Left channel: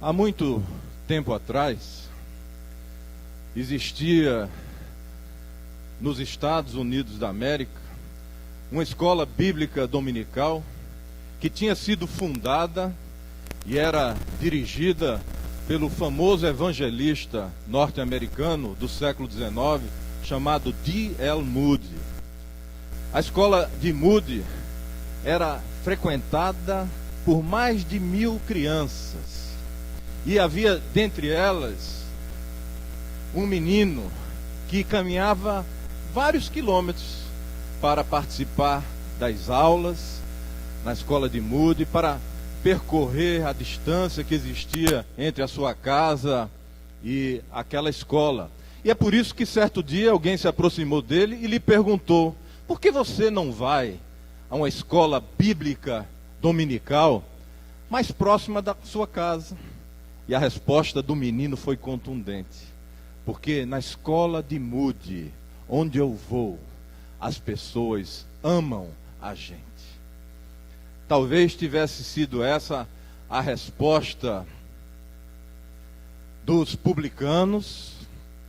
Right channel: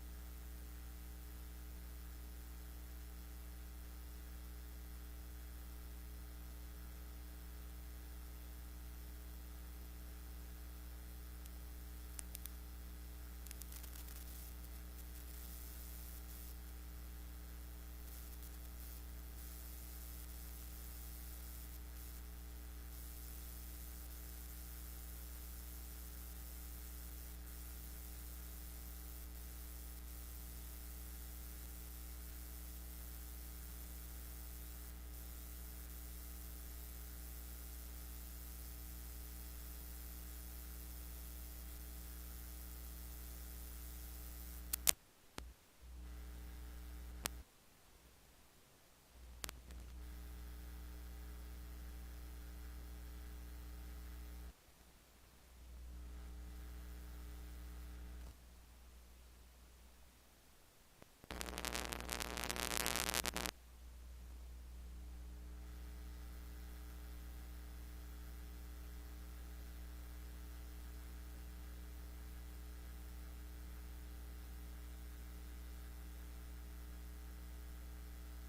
Há muito tempo atrás, existia nos Estados Unidos da América uma escola bíblica dominical que tinha sido fundada e era dirigida pelo famoso evangelista norte-americano do século XIX, chamado D.L. Moody. A escola de Moody era frequentada por mais de 1000 crianças. E havia dentre elas um menino que caminhava vários quilômetros para participar das aulas na escola de Moody, para percorrer a distância que existia entre a sua casa e aquela escola. E é por isso que certo dia alguém se aproximou dele e lhe perguntou: por que você não vai a uma escola bíblica dominical mais próxima da sua casa? E a resposta do menino foi contundente: porque na escola de Moody, onde eu vou, as pessoas amam a gente. Talvez tivesse sido essa a resposta dos publicanos,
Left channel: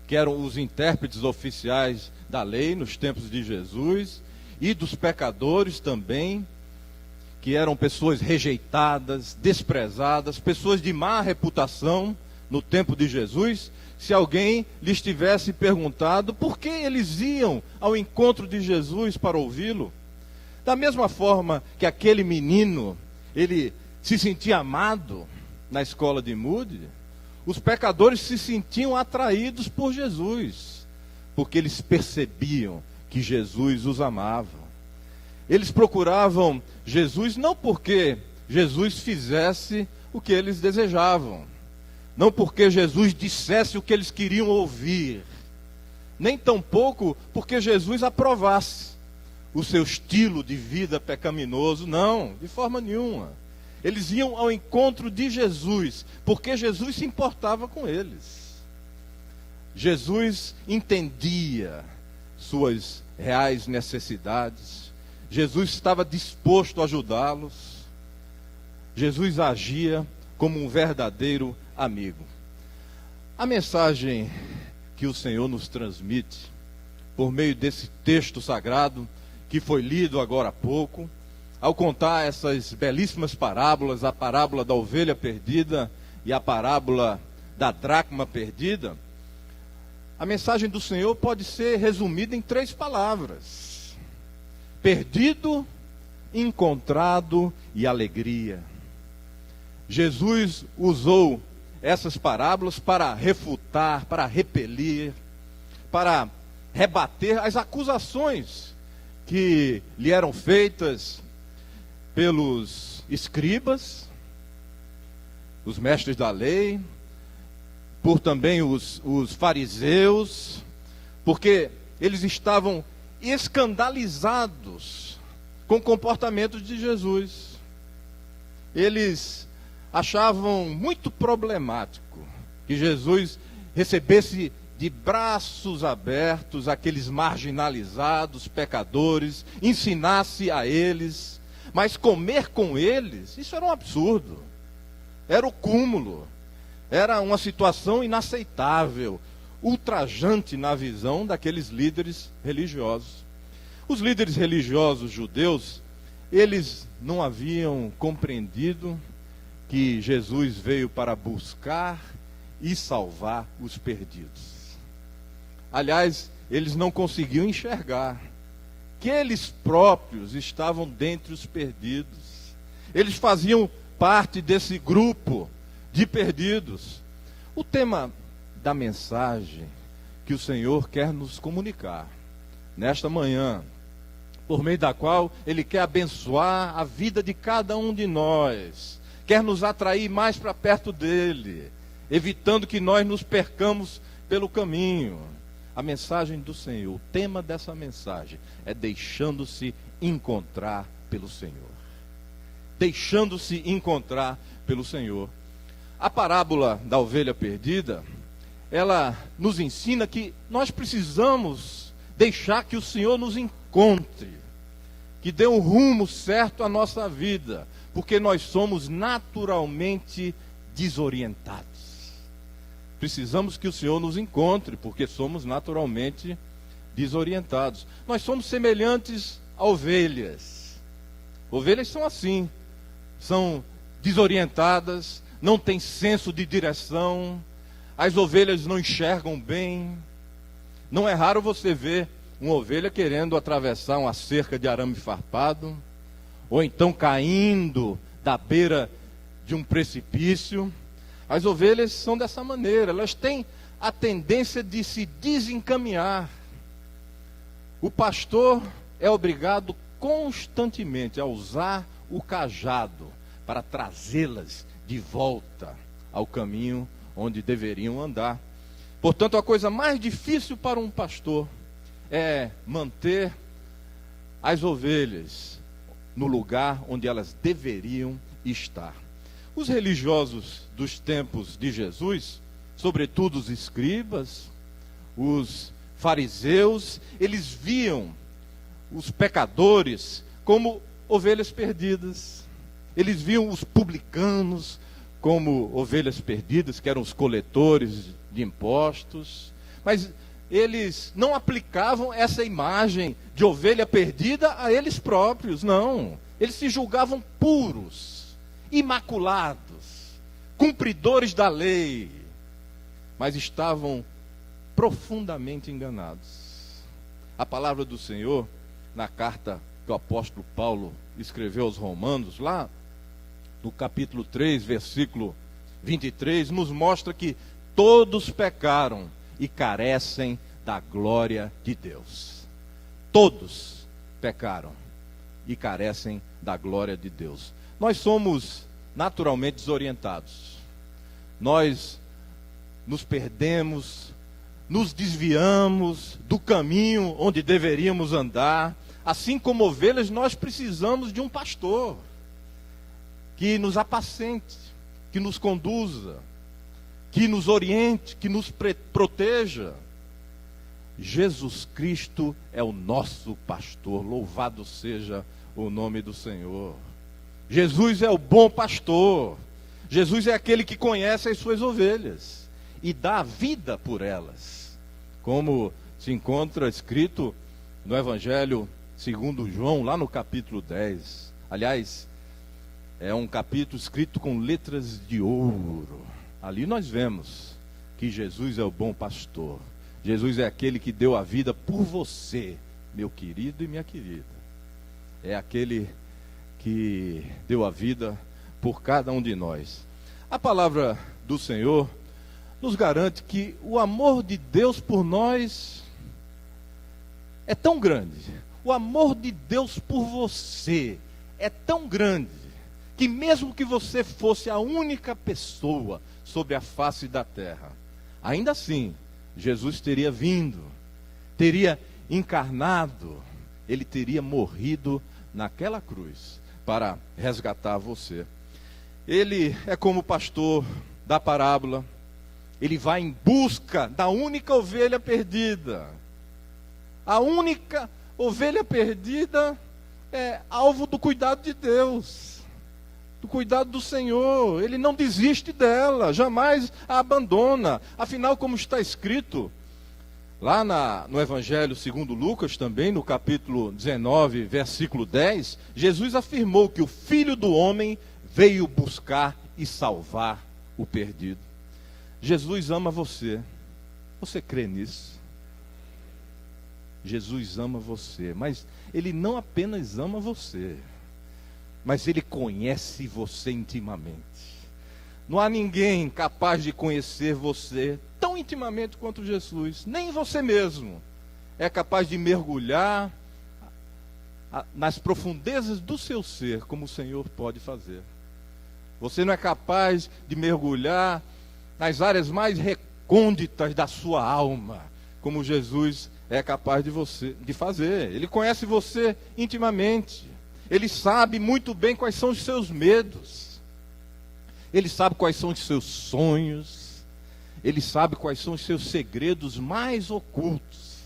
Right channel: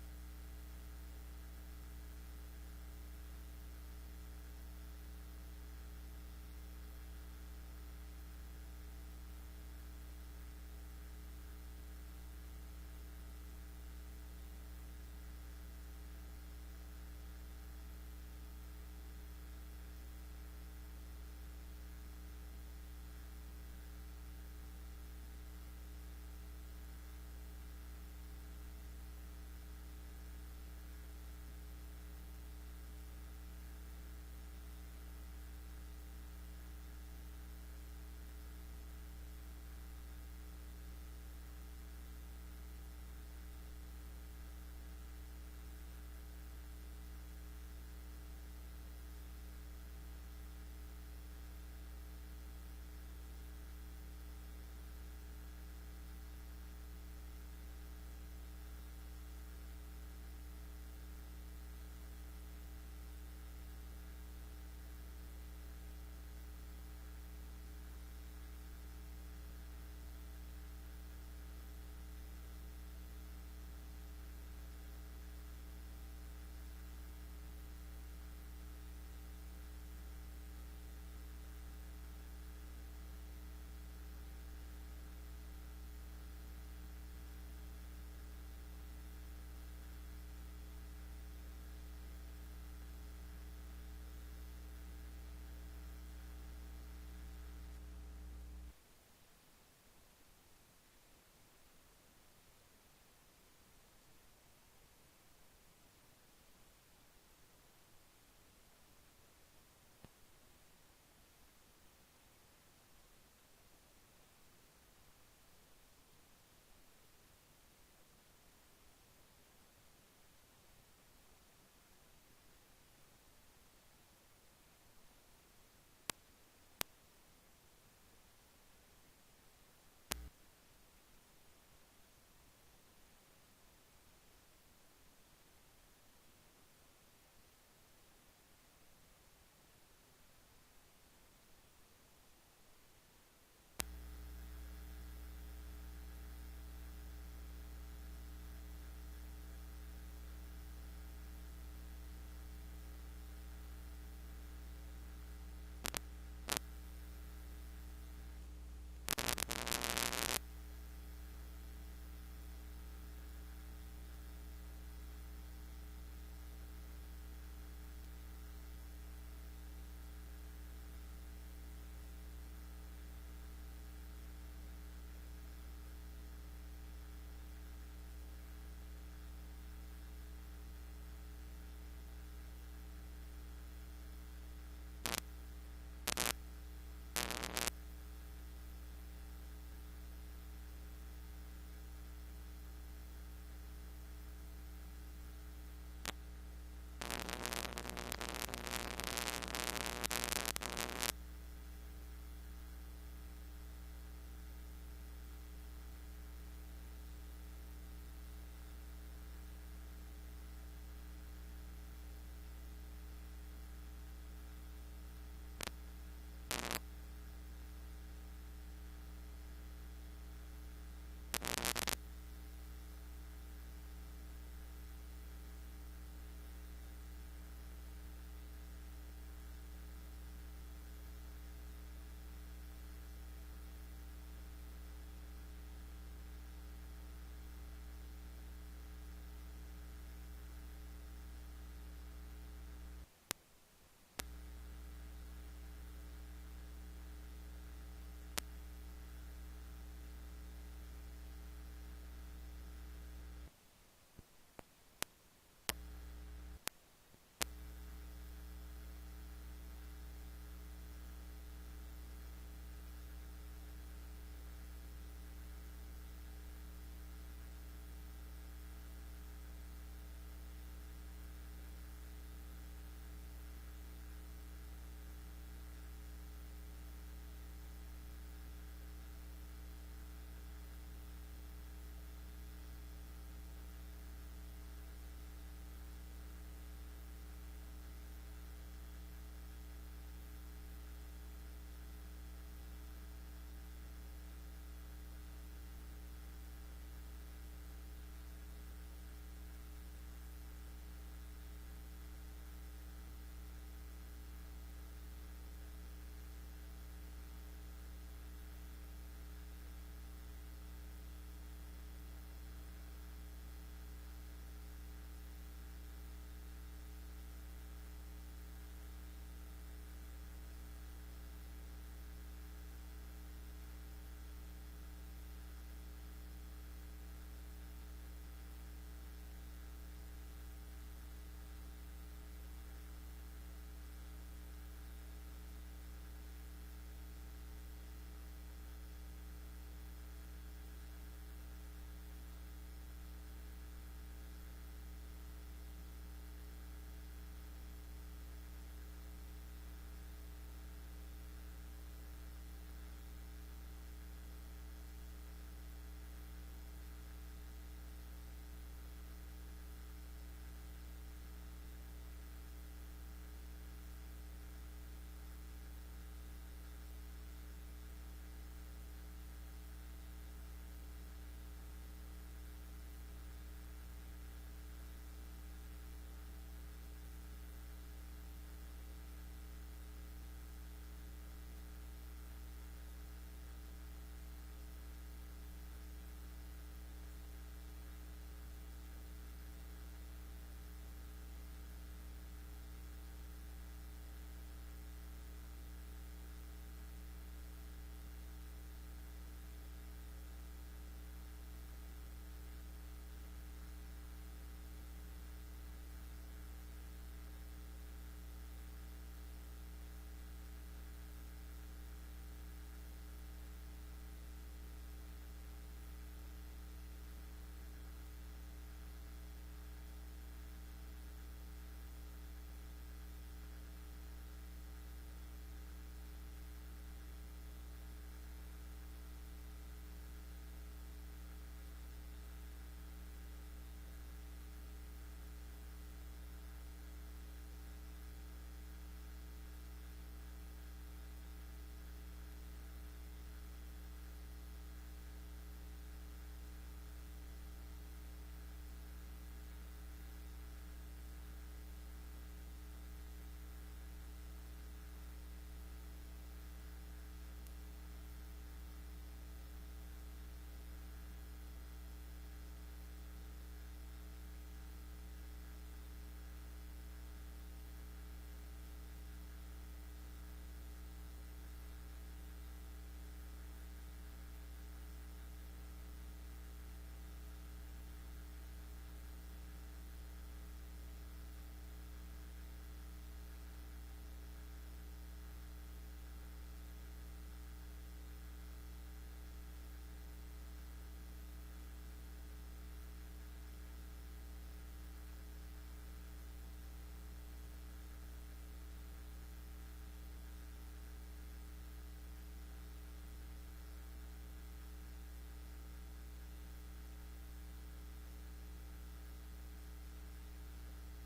que eram os intérpretes oficiais da lei nos tempos de Jesus, e dos pecadores também, que eram pessoas rejeitadas, desprezadas, pessoas de má reputação no tempo de Jesus. Se alguém lhes tivesse perguntado por que eles iam ao encontro de Jesus para ouvi-lo, da mesma forma que aquele menino, ele se sentia amado na escola de Moody, os pecadores se sentiam atraídos por Jesus, porque eles percebiam que Jesus os amava. Eles procuravam Jesus não porque Jesus fizesse o que eles desejavam, não porque Jesus dissesse o que eles queriam ouvir, nem tampouco porque Jesus aprovasse o seu estilo de vida pecaminoso. Não, de forma nenhuma. Eles iam ao encontro de Jesus porque Jesus se importava com eles. Jesus entendia suas reais necessidades. Jesus estava disposto a ajudá-los. Jesus agia como um verdadeiro amigo. A mensagem que o Senhor nos transmite por meio desse texto sagrado que foi lido agora há pouco, ao contar essas belíssimas parábolas, a parábola da ovelha perdida e a parábola da dracma perdida, a mensagem do Senhor pode ser resumida em 3 palavras: perdido, encontrado e alegria. Jesus usou essas parábolas para refutar, para repelir, para rebater as acusações que lhe eram feitas pelos escribas, os mestres da lei, por também os fariseus, porque eles estavam escandalizados com o comportamento de Jesus. Eles achavam muito problemático que Jesus recebesse de braços abertos aqueles marginalizados, pecadores, ensinasse a eles, mas comer com eles, isso era um absurdo, era o cúmulo, era uma situação inaceitável, ultrajante na visão daqueles líderes religiosos. Os líderes religiosos judeus, eles não haviam compreendido que Jesus veio para buscar e salvar os perdidos. Aliás, eles não conseguiam enxergar que eles próprios estavam dentre os perdidos. Eles faziam parte desse grupo de perdidos. O tema da mensagem que o Senhor quer nos comunicar nesta manhã, por meio da qual Ele quer abençoar a vida de cada um de nós, quer nos atrair mais para perto dEle, evitando que nós nos percamos pelo caminho. A mensagem do Senhor, o tema dessa mensagem é deixando-se encontrar pelo Senhor. Deixando-se encontrar pelo Senhor. A parábola da ovelha perdida, ela nos ensina que nós precisamos deixar que o Senhor nos encontre, que dê um rumo certo à nossa vida, porque nós somos naturalmente desorientados. Precisamos que o Senhor nos encontre, porque somos naturalmente desorientados. Nós somos semelhantes a ovelhas. Ovelhas são assim, são desorientadas, não têm senso de direção, as ovelhas não enxergam bem. Não é raro você ver uma ovelha querendo atravessar uma cerca de arame farpado, ou então caindo da beira de um precipício. As ovelhas são dessa maneira, elas têm a tendência de se desencaminhar. O pastor é obrigado constantemente a usar o cajado para trazê-las de volta ao caminho onde deveriam andar. Portanto, a coisa mais difícil para um pastor é manter as ovelhas no lugar onde elas deveriam estar. Os religiosos dos tempos de Jesus, sobretudo os escribas, os fariseus, eles viam os pecadores como ovelhas perdidas. Eles viam os publicanos como ovelhas perdidas, que eram os coletores de impostos. Mas eles não aplicavam essa imagem de ovelha perdida a eles próprios, não. Eles se julgavam puros, imaculados, cumpridores da lei, mas estavam profundamente enganados. A palavra do Senhor, na carta que o apóstolo Paulo escreveu aos Romanos, lá no capítulo 3, versículo 23, nos mostra que todos pecaram e carecem da glória de Deus. Todos pecaram e carecem da glória de Deus. Nós somos naturalmente desorientados. Nós nos perdemos, nos desviamos do caminho onde deveríamos andar. Assim como ovelhas, nós precisamos de um pastor que nos apacente, que nos conduza, que nos oriente, que nos proteja. Jesus Cristo é o nosso pastor, louvado seja o nome do Senhor. Jesus é o bom pastor. Jesus é aquele que conhece as suas ovelhas e dá a vida por elas, como se encontra escrito no Evangelho segundo João, lá no capítulo 10. Aliás, é um capítulo escrito com letras de ouro. Ali nós vemos que Jesus é o bom pastor. Jesus é aquele que deu a vida por você, meu querido e minha querida. É aquele que deu a vida por cada um de nós. A palavra do Senhor nos garante que o amor de Deus por nós é tão grande. O amor de Deus por você é tão grande que mesmo que você fosse a única pessoa sobre a face da terra, ainda assim, Jesus teria vindo, teria encarnado, ele teria morrido naquela cruz para resgatar você. Ele é como o pastor da parábola, ele vai em busca da única ovelha perdida. A única ovelha perdida é alvo do cuidado de Deus, do cuidado do Senhor. Ele não desiste dela, jamais a abandona. Afinal, como está escrito lá no Evangelho segundo Lucas, também no capítulo 19, versículo 10, Jesus afirmou que o Filho do Homem veio buscar e salvar o perdido. Jesus ama você. Você crê nisso? Jesus ama você, mas ele não apenas ama você, mas ele conhece você intimamente. Não há ninguém capaz de conhecer você tão intimamente quanto Jesus. Nem você mesmo é capaz de mergulhar nas profundezas do seu ser, como o Senhor pode fazer. Você não é capaz de mergulhar nas áreas mais recônditas da sua alma, como Jesus é capaz de fazer. Ele conhece você intimamente. Ele sabe muito bem quais são os seus medos. Ele sabe quais são os seus sonhos. Ele sabe quais são os seus segredos mais ocultos.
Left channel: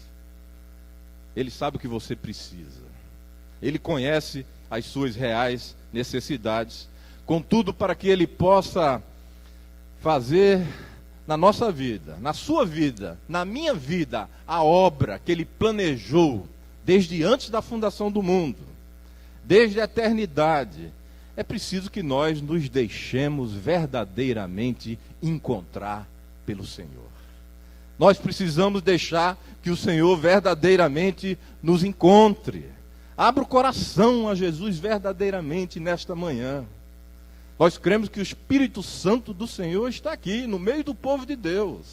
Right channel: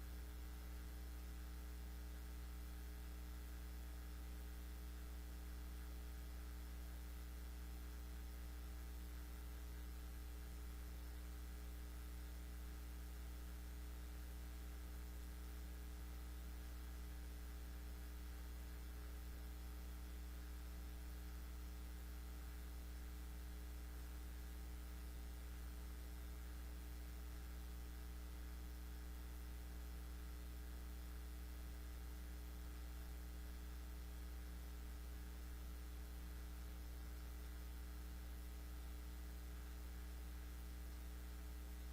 Ele sabe o que você precisa. Ele conhece as suas reais necessidades. Contudo, para que ele possa fazer na nossa vida, na sua vida, na minha vida, a obra que Ele planejou desde antes da fundação do mundo, desde a eternidade, é preciso que nós nos deixemos verdadeiramente encontrar pelo Senhor. Nós precisamos deixar que o Senhor verdadeiramente nos encontre. Abra o coração a Jesus verdadeiramente nesta manhã. Nós cremos que o Espírito Santo do Senhor está aqui, no meio do povo de Deus.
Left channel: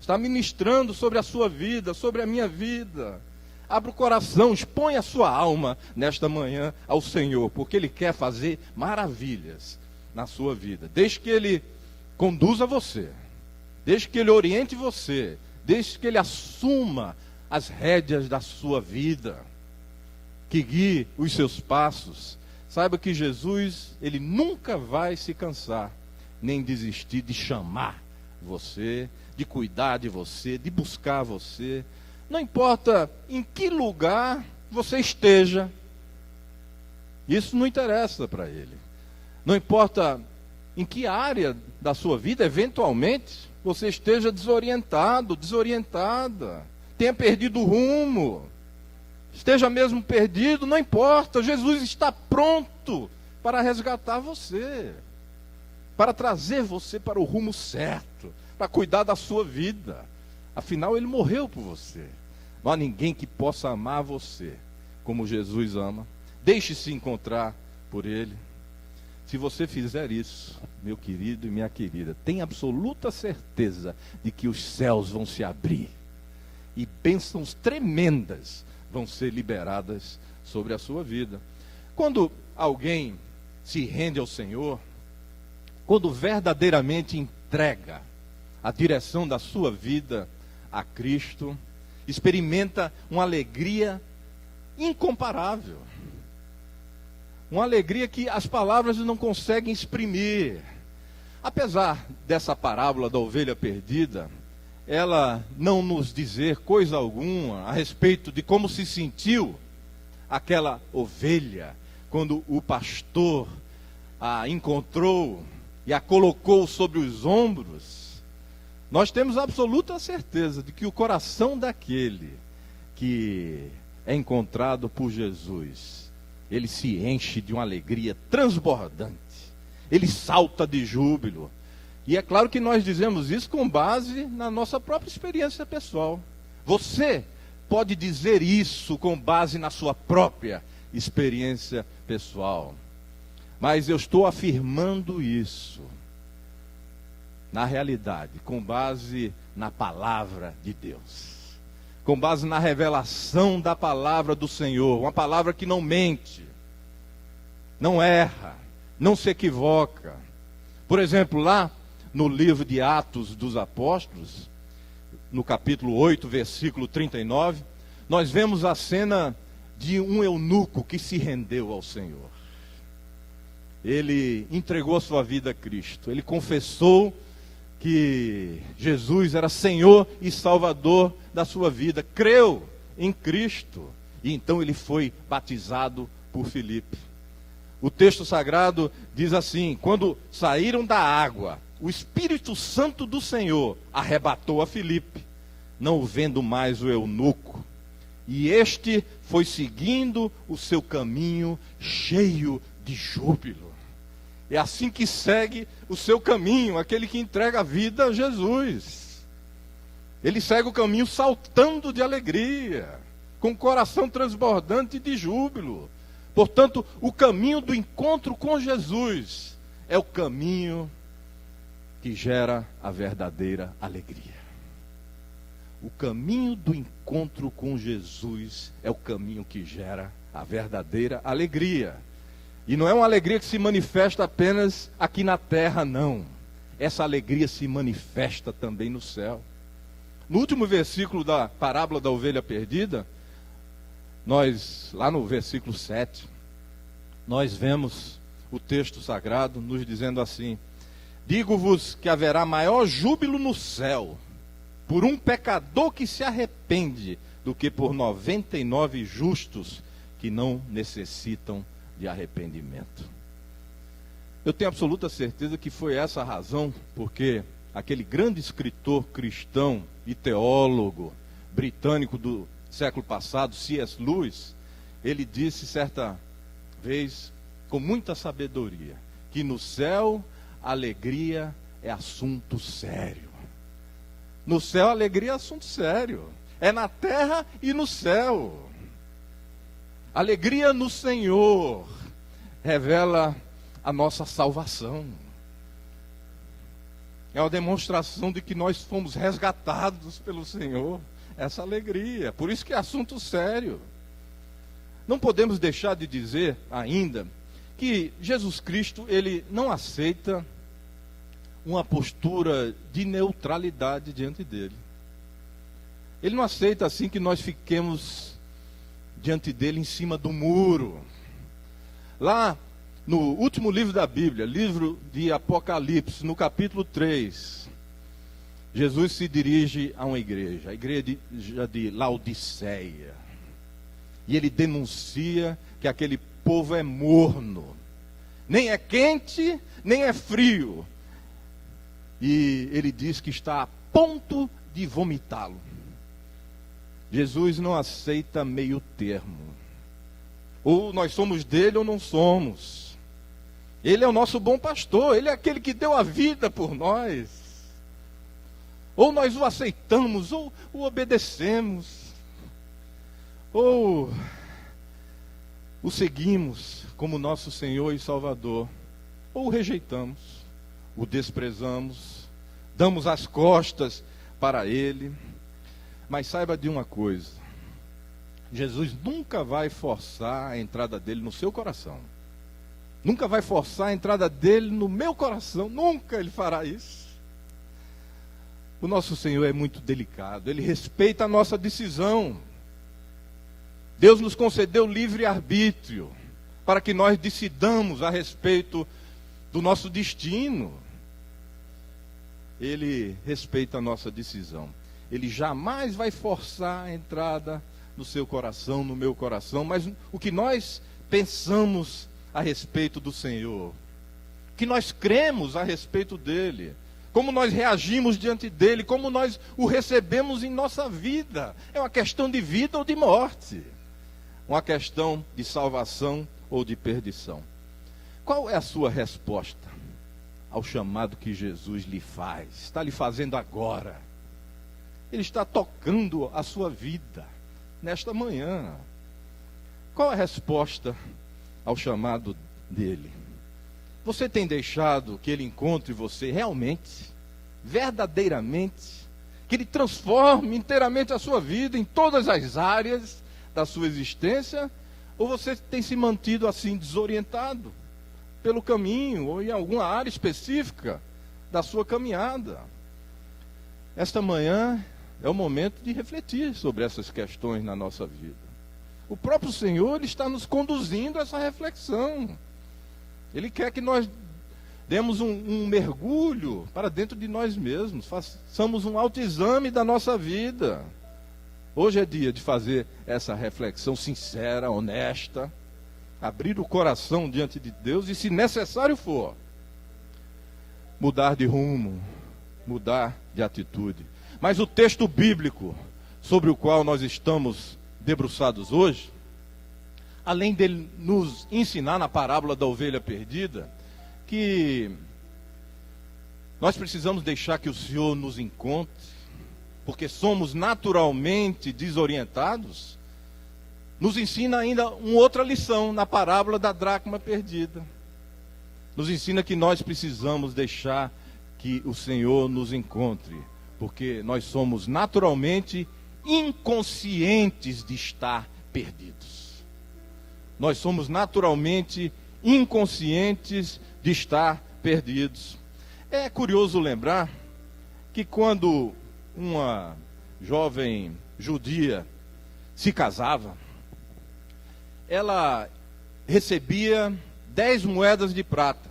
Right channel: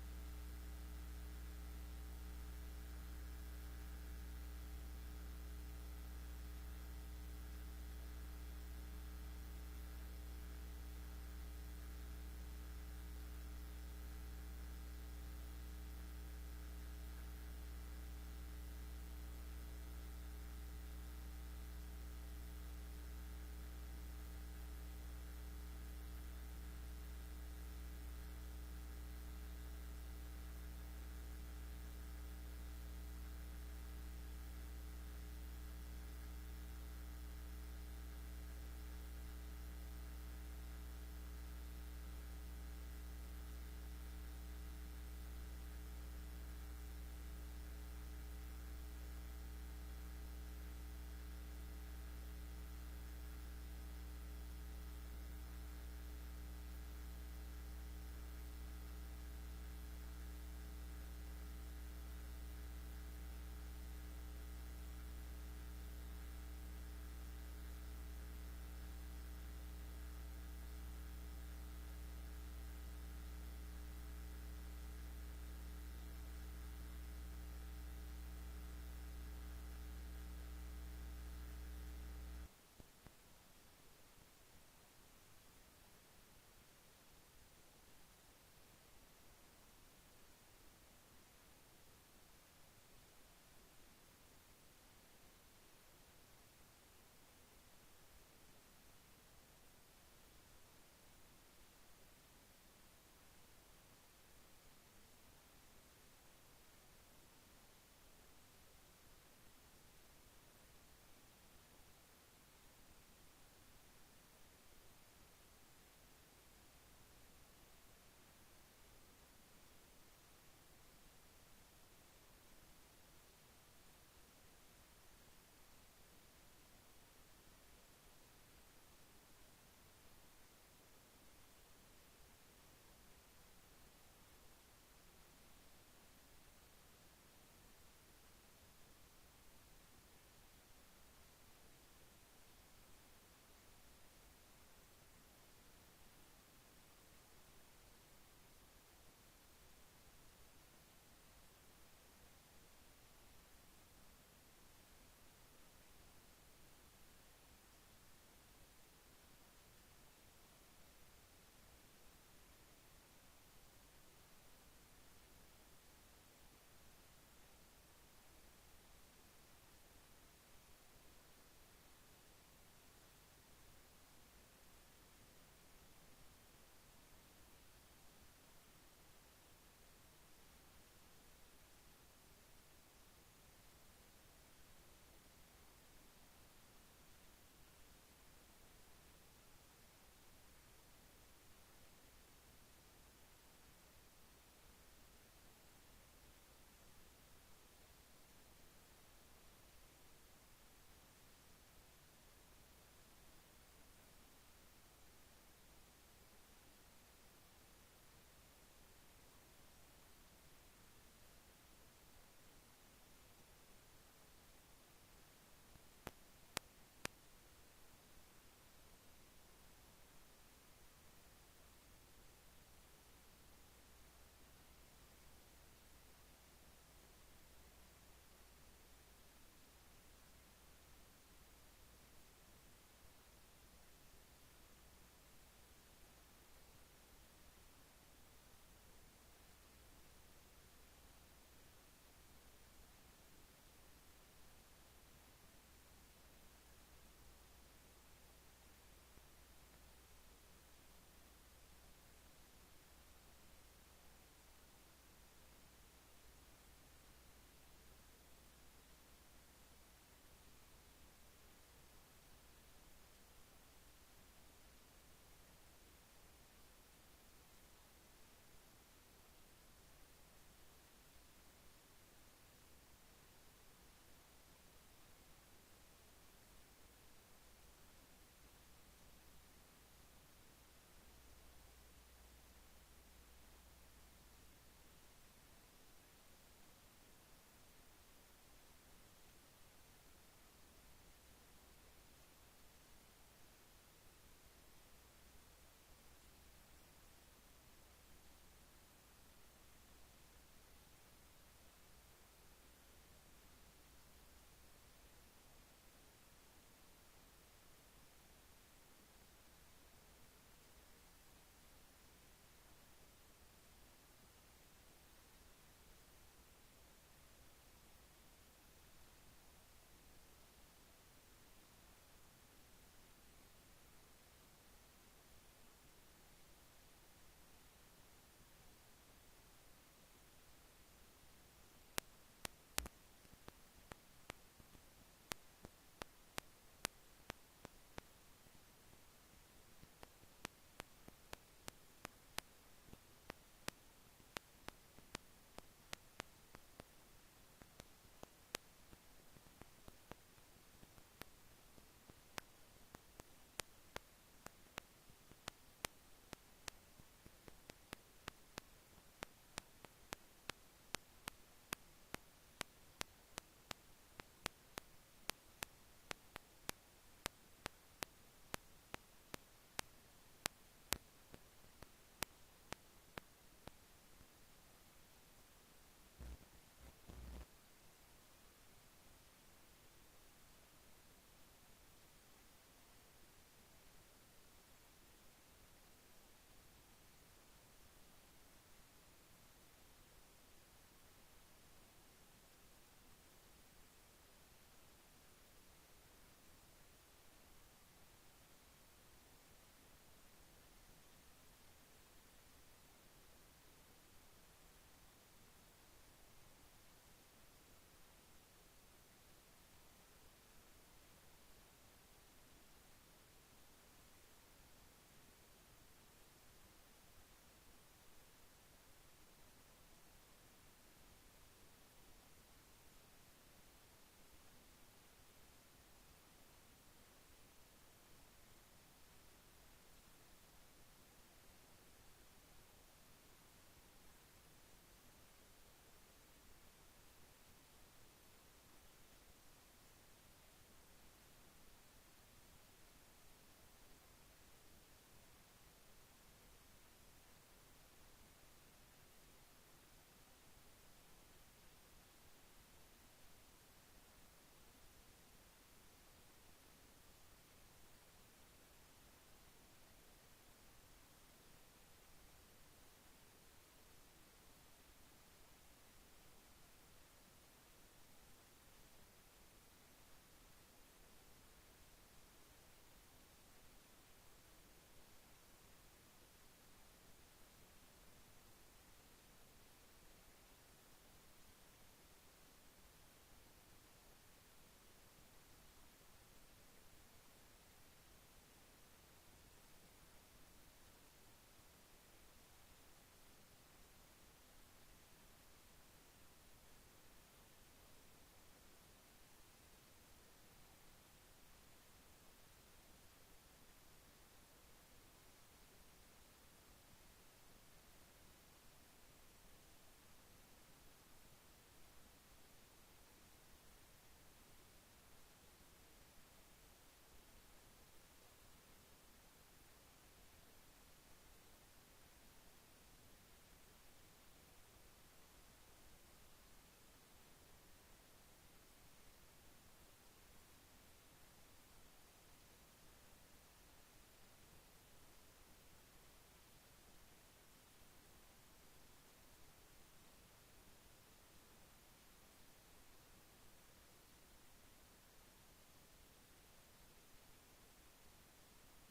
Está ministrando sobre a sua vida, sobre a minha vida. Abra o coração, expõe a sua alma nesta manhã ao Senhor, porque Ele quer fazer maravilhas na sua vida. Desde que Ele conduza você, desde que Ele oriente você, desde que Ele assuma as rédeas da sua vida, que guie os seus passos. Saiba que Jesus, Ele nunca vai se cansar, nem desistir de chamar você, de cuidar de você, de buscar você. Não importa em que lugar você esteja, isso não interessa para Ele. Não importa em que área da sua vida, eventualmente, você esteja desorientado, desorientada, tenha perdido o rumo, esteja mesmo perdido, não importa, Jesus está pronto para resgatar você, para trazer você para o rumo certo, para cuidar da sua vida. Afinal, Ele morreu por você. Não há ninguém que possa amar você como Jesus ama. Deixe-se encontrar por Ele. Se você fizer isso, meu querido e minha querida, tenha absoluta certeza de que os céus vão se abrir e bênçãos tremendas vão ser liberadas sobre a sua vida. Quando alguém se rende ao Senhor, quando verdadeiramente entrega a direção da sua vida a Cristo, experimenta uma alegria incomparável. Uma alegria que as palavras não conseguem exprimir. Apesar dessa parábola da ovelha perdida, ela não nos dizer coisa alguma a respeito de como se sentiu aquela ovelha quando o pastor a encontrou e a colocou sobre os ombros. Nós temos absoluta certeza de que o coração daquele que é encontrado por Jesus, ele se enche de uma alegria transbordante, ele salta de júbilo. E é claro que nós dizemos isso com base na nossa própria experiência pessoal. Você pode dizer isso com base na sua própria experiência pessoal. Mas eu estou afirmando isso, na realidade, com base na palavra de Deus. Com base na revelação da palavra do Senhor. Uma palavra que não mente, não erra, não se equivoca. Por exemplo, lá no livro de Atos dos Apóstolos, no capítulo 8, versículo 39, nós vemos a cena de um eunuco que se rendeu ao Senhor. Ele entregou a sua vida a Cristo. Ele confessou que Jesus era Senhor e Salvador da sua vida. Creu em Cristo. E então ele foi batizado por Filipe. O texto sagrado diz assim: quando saíram da água, o Espírito Santo do Senhor arrebatou a Filipe, não vendo mais o eunuco. E este foi seguindo o seu caminho cheio de júbilo. É assim que segue o seu caminho, aquele que entrega a vida a Jesus. Ele segue o caminho saltando de alegria, com o coração transbordante de júbilo. Portanto, o caminho do encontro com Jesus é o caminho que gera a verdadeira alegria. O caminho do encontro com Jesus é o caminho que gera a verdadeira alegria. E não é uma alegria que se manifesta apenas aqui na terra, não. Essa alegria se manifesta também no céu. No último versículo da parábola da ovelha perdida, lá no versículo 7, nós vemos o texto sagrado nos dizendo assim: digo-vos que haverá maior júbilo no céu por um pecador que se arrepende do que por 99 justos que não necessitam de arrependimento. Eu tenho absoluta certeza que foi essa a razão, porque aquele grande escritor cristão e teólogo britânico do século passado, C.S. Lewis, ele disse certa vez, com muita sabedoria, que no céu a alegria é assunto sério. No céu a alegria é assunto sério. É na terra e no céu. Alegria no Senhor revela a nossa salvação. É uma demonstração de que nós fomos resgatados pelo Senhor. Essa alegria. Por isso que é assunto sério. Não podemos deixar de dizer ainda que Jesus Cristo, ele não aceita uma postura de neutralidade diante dele. Ele não aceita assim que nós fiquemos diante dele em cima do muro. Lá no último livro da Bíblia, livro de Apocalipse, no capítulo 3, Jesus se dirige a uma igreja, a igreja de Laodiceia. E ele denuncia que aquele povo é morno. Nem é quente, nem é frio. E ele diz que está a ponto de vomitá-lo. Jesus não aceita meio termo. Ou nós somos dele ou não somos. Ele é o nosso bom pastor, ele é aquele que deu a vida por nós. Ou nós o aceitamos, ou o obedecemos, ou o seguimos como nosso Senhor e Salvador, ou o rejeitamos, o desprezamos, damos as costas para ele. Mas saiba de uma coisa, Jesus nunca vai forçar a entrada dele no seu coração. Nunca vai forçar a entrada dele no meu coração. Nunca ele fará isso. O nosso Senhor é muito delicado. Ele respeita a nossa decisão. Deus nos concedeu livre-arbítrio para que nós decidamos a respeito do nosso destino. Ele respeita a nossa decisão. Ele jamais vai forçar a entrada no seu coração, no meu coração, mas o que nós pensamos a respeito do Senhor, o que nós cremos a respeito dele, como nós reagimos diante dele, como nós o recebemos em nossa vida, é uma questão de vida ou de morte, uma questão de salvação ou de perdição. Qual é a sua resposta ao chamado que Jesus lhe faz? Está lhe fazendo agora. Ele está tocando a sua vida nesta manhã. Qual a resposta ao chamado dele? Você tem deixado que ele encontre você realmente, verdadeiramente, que ele transforme inteiramente a sua vida em todas as áreas da sua existência? Ou você tem se mantido assim desorientado pelo caminho ou em alguma área específica da sua caminhada? Esta manhã é o momento de refletir sobre essas questões na nossa vida. O próprio Senhor, ele está nos conduzindo a essa reflexão. Ele quer que nós demos um mergulho para dentro de nós mesmos, façamos um autoexame da nossa vida. Hoje é dia de fazer essa reflexão sincera, honesta, abrir o coração diante de Deus e, se necessário for, mudar de rumo, mudar de atitude. Mas o texto bíblico sobre o qual nós estamos debruçados hoje, além dele nos ensinar na parábola da ovelha perdida, que nós precisamos deixar que o Senhor nos encontre, porque somos naturalmente desorientados, nos ensina ainda uma outra lição na parábola da dracma perdida. Nos ensina que nós precisamos deixar que o Senhor nos encontre, porque nós somos naturalmente inconscientes de estar perdidos. Nós somos naturalmente inconscientes de estar perdidos. É curioso lembrar que quando uma jovem judia se casava, ela recebia 10 moedas de prata,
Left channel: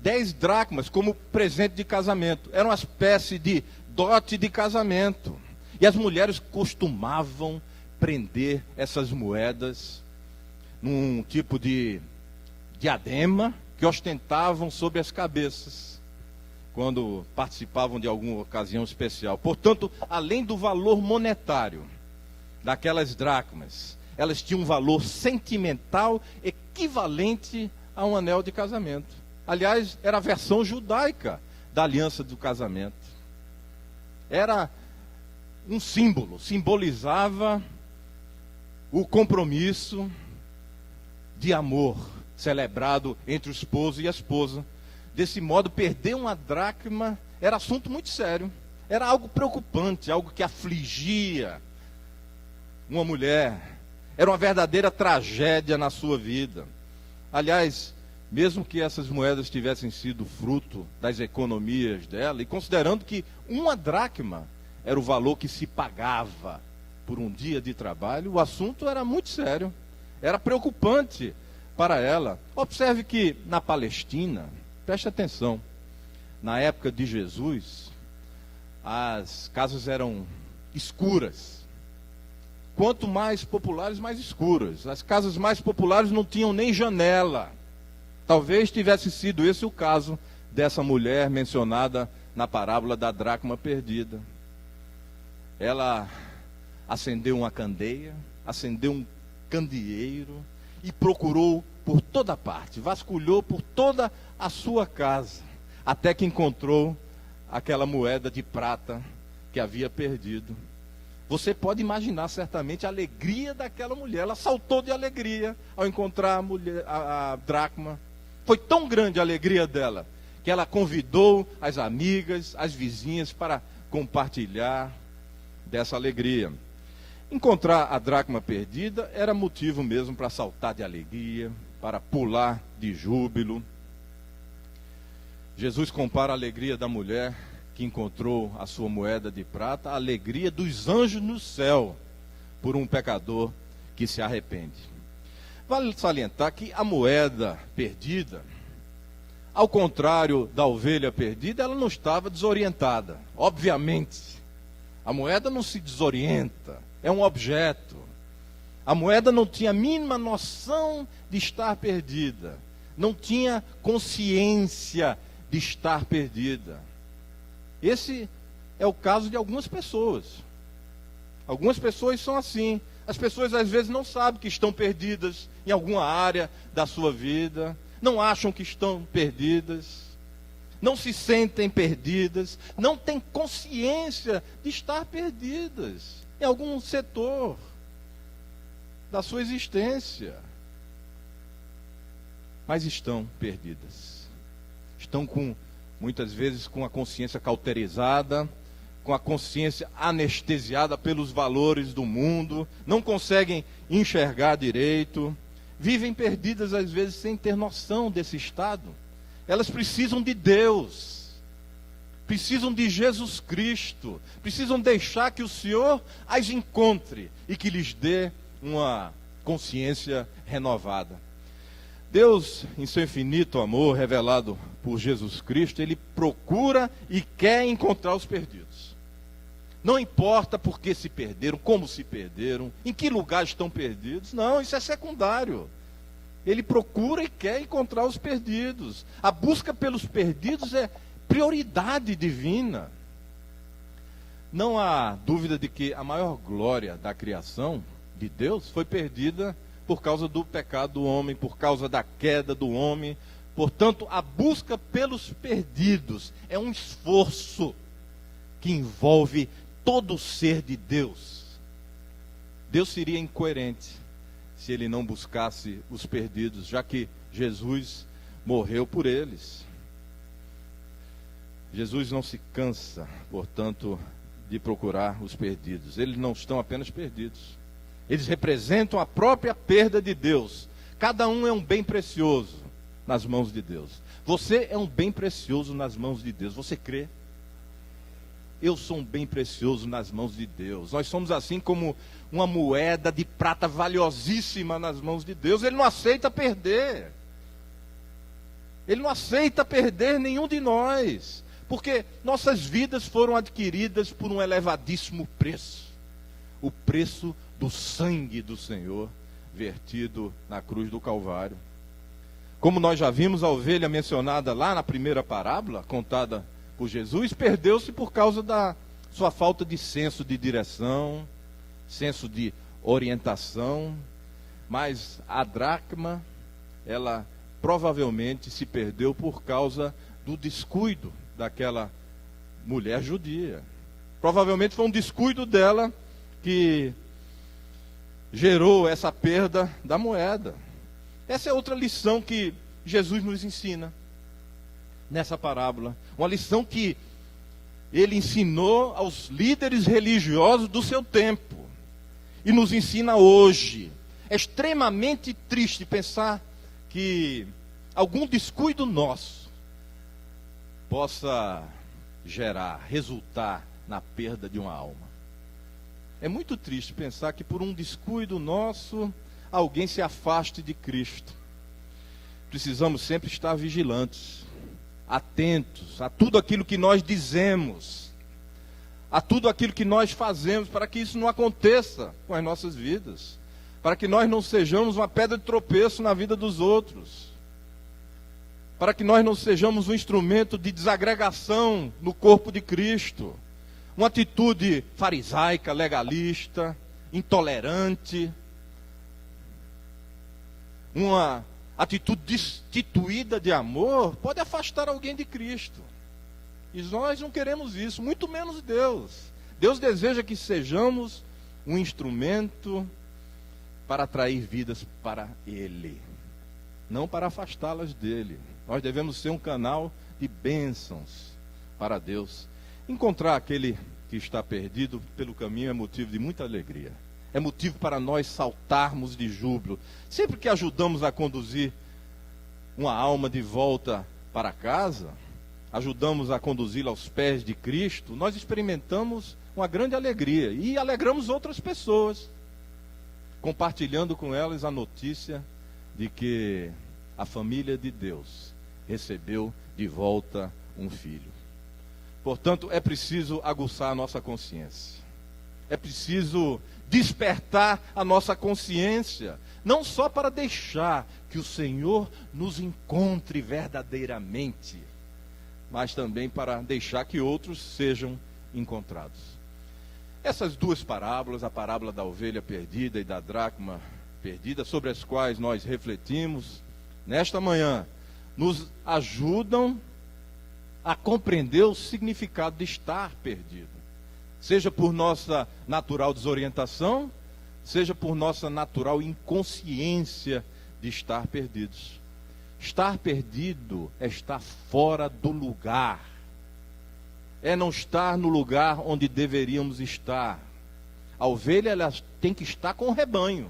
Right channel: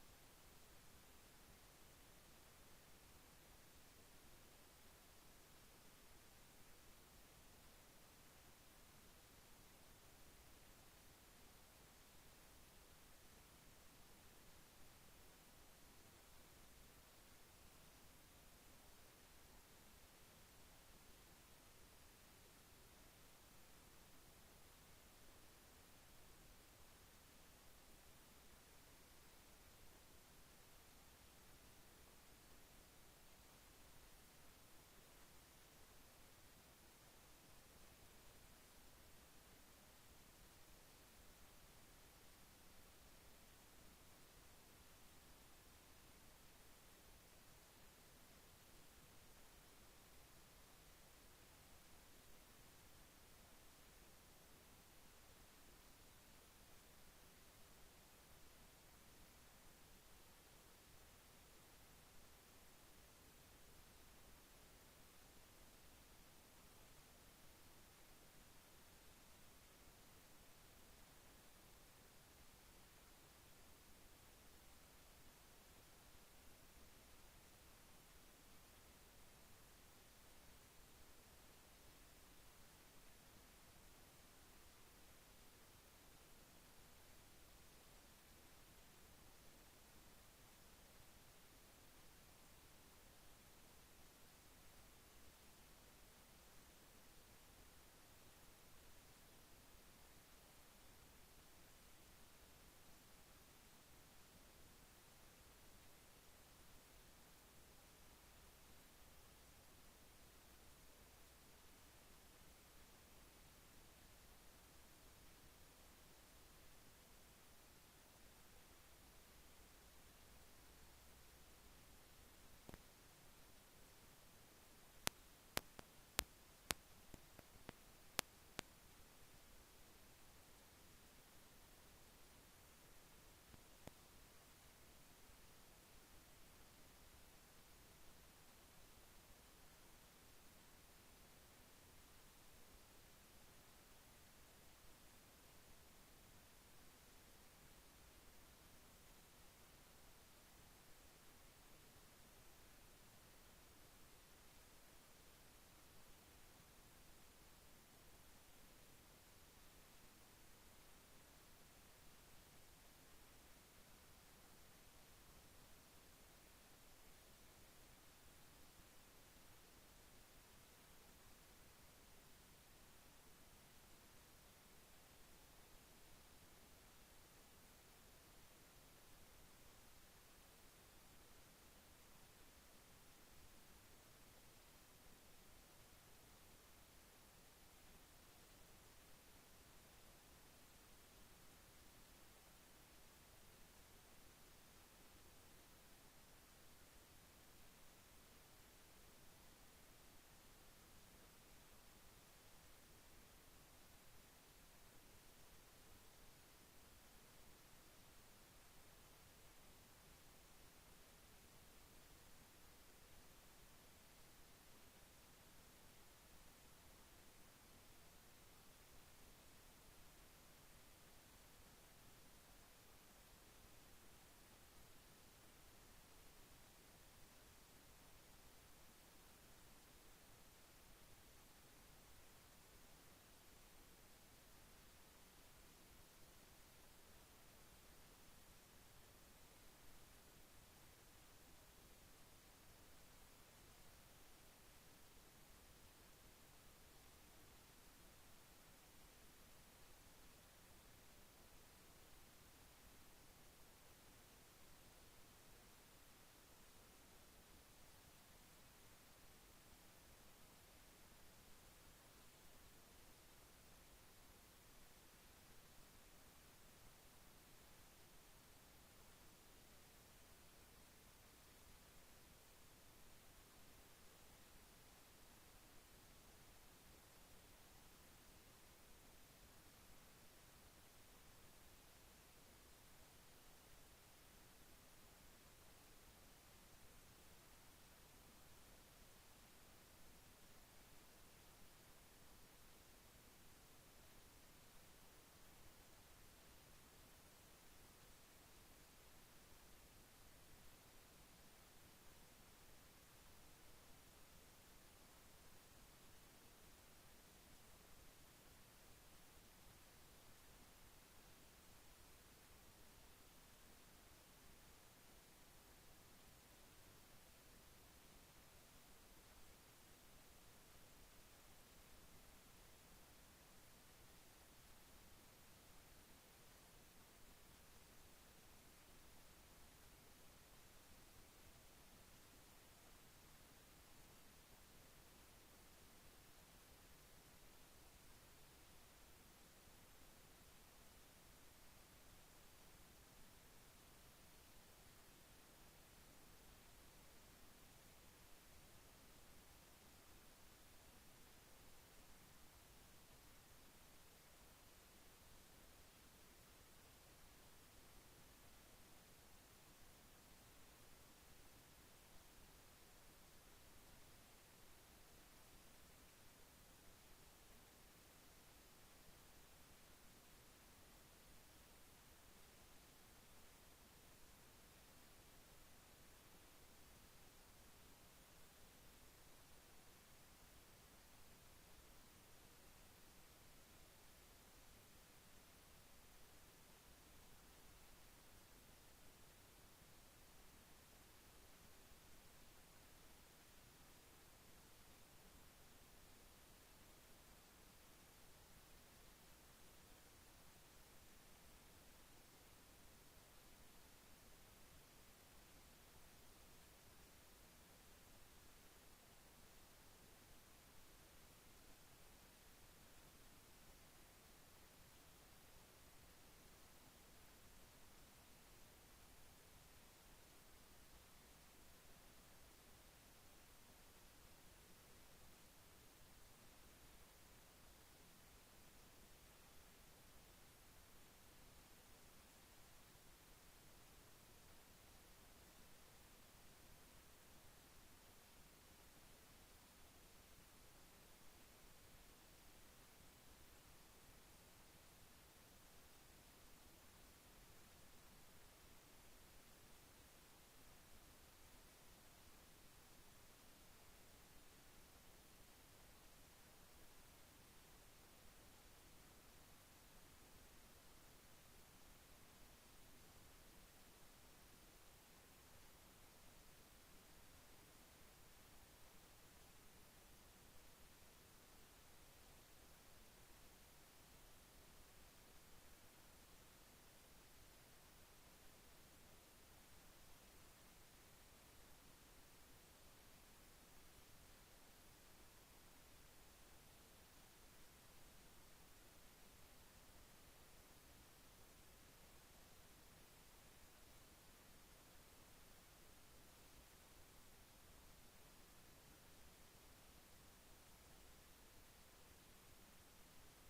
10 dracmas como presente de casamento. Era uma espécie de dote de casamento. E as mulheres costumavam prender essas moedas num tipo de diadema, que ostentavam sobre as cabeças, quando participavam de alguma ocasião especial. Portanto, além do valor monetário daquelas dracmas, elas tinham um valor sentimental equivalente a um anel de casamento. Aliás, era a versão judaica da aliança do casamento. Era um símbolo, simbolizava o compromisso de amor celebrado entre o esposo e a esposa. Desse modo, perder uma dracma era assunto muito sério. Era algo preocupante, algo que afligia uma mulher. Era uma verdadeira tragédia na sua vida. Aliás, mesmo que essas moedas tivessem sido fruto das economias dela, e considerando que uma dracma era o valor que se pagava por um dia de trabalho, o assunto era muito sério. Era preocupante para ela. Observe que na Palestina, preste atenção, na época de Jesus, as casas eram escuras. Quanto mais populares, mais escuras. As casas mais populares não tinham nem janela. Talvez tivesse sido esse o caso dessa mulher mencionada na parábola da dracma perdida. Ela acendeu uma candeia, acendeu um candeeiro e procurou por toda parte, vasculhou por toda a sua casa, até que encontrou aquela moeda de prata que havia perdido. Você pode imaginar certamente a alegria daquela mulher. Ela saltou de alegria ao encontrar a dracma. Foi tão grande a alegria dela, que ela convidou as amigas, as vizinhas para compartilhar dessa alegria. Encontrar a dracma perdida era motivo mesmo para saltar de alegria, para pular de júbilo. Jesus compara a alegria da mulher que encontrou a sua moeda de prata à alegria dos anjos no céu por um pecador que se arrepende. Vale salientar que a moeda perdida, ao contrário da ovelha perdida, ela não estava desorientada. Obviamente, a moeda não se desorienta, é um objeto. A moeda não tinha a mínima noção de estar perdida, não tinha consciência de estar perdida. Esse é o caso de algumas pessoas. Algumas pessoas são assim. As pessoas às vezes não sabem que estão perdidas em alguma área da sua vida, não acham que estão perdidas, não se sentem perdidas, não têm consciência de estar perdidas em algum setor da sua existência. Mas estão perdidas. Estão muitas vezes com a consciência cauterizada, com a consciência anestesiada pelos valores do mundo, não conseguem enxergar direito, vivem perdidas às vezes sem ter noção desse estado. Elas precisam de Deus, precisam de Jesus Cristo, precisam deixar que o Senhor as encontre e que lhes dê uma consciência renovada. Deus, em seu infinito amor revelado por Jesus Cristo, Ele procura e quer encontrar os perdidos. Não importa por que se perderam, como se perderam, em que lugar estão perdidos. Não, isso é secundário. Ele procura e quer encontrar os perdidos. A busca pelos perdidos é prioridade divina. Não há dúvida de que a maior glória da criação de Deus foi perdida por causa do pecado do homem, por causa da queda do homem. Portanto, a busca pelos perdidos é um esforço que envolve todo o ser de Deus. Deus seria incoerente se ele não buscasse os perdidos, já que Jesus morreu por eles. Jesus não se cansa, portanto, de procurar os perdidos. Eles não estão apenas perdidos. Eles representam a própria perda de Deus. Cada um é um bem precioso nas mãos de Deus. Você é um bem precioso nas mãos de Deus. Você crê? Eu sou um bem precioso nas mãos de Deus. Nós somos assim como uma moeda de prata valiosíssima nas mãos de Deus. Ele não aceita perder. Ele não aceita perder nenhum de nós. Porque nossas vidas foram adquiridas por um elevadíssimo preço. O preço do sangue do Senhor vertido na cruz do Calvário. Como nós já vimos, a ovelha mencionada lá na primeira parábola, contada por Jesus, perdeu-se por causa da sua falta de senso de direção, senso de orientação. Mas a dracma, ela provavelmente se perdeu por causa do descuido daquela mulher judia. Provavelmente foi um descuido dela que gerou essa perda da moeda. Essa é outra lição que Jesus nos ensina nessa parábola. Uma lição que ele ensinou aos líderes religiosos do seu tempo e nos ensina hoje. É extremamente triste pensar que algum descuido nosso possa resultar na perda de uma alma. É muito triste pensar que por um descuido nosso, alguém se afaste de Cristo. Precisamos sempre estar vigilantes, atentos a tudo aquilo que nós dizemos, a tudo aquilo que nós fazemos, para que isso não aconteça com as nossas vidas, para que nós não sejamos uma pedra de tropeço na vida dos outros, para que nós não sejamos um instrumento de desagregação no corpo de Cristo, uma atitude farisaica, legalista, intolerante, uma atitude destituída de amor, pode afastar alguém de Cristo. E nós não queremos isso, muito menos Deus. Deus deseja que sejamos um instrumento para atrair vidas para Ele, não para afastá-las dele. Nós devemos ser um canal de bênçãos para Deus. Encontrar aquele que está perdido pelo caminho é motivo de muita alegria. É motivo para nós saltarmos de júbilo. Sempre que ajudamos a conduzir uma alma de volta para casa, ajudamos a conduzi-la aos pés de Cristo, nós experimentamos uma grande alegria e alegramos outras pessoas, compartilhando com elas a notícia de que a família de Deus recebeu de volta um filho. Portanto, é preciso aguçar a nossa consciência. É preciso despertar a nossa consciência, não só para deixar que o Senhor nos encontre verdadeiramente, mas também para deixar que outros sejam encontrados. Essas duas parábolas, a parábola da ovelha perdida e da dracma perdida, sobre as quais nós refletimos nesta manhã, nos ajudam a compreender o significado de estar perdido. Seja por nossa natural desorientação, seja por nossa natural inconsciência de estar perdidos. Estar perdido é estar fora do lugar. É não estar no lugar onde deveríamos estar. A ovelha, ela tem que estar com o rebanho.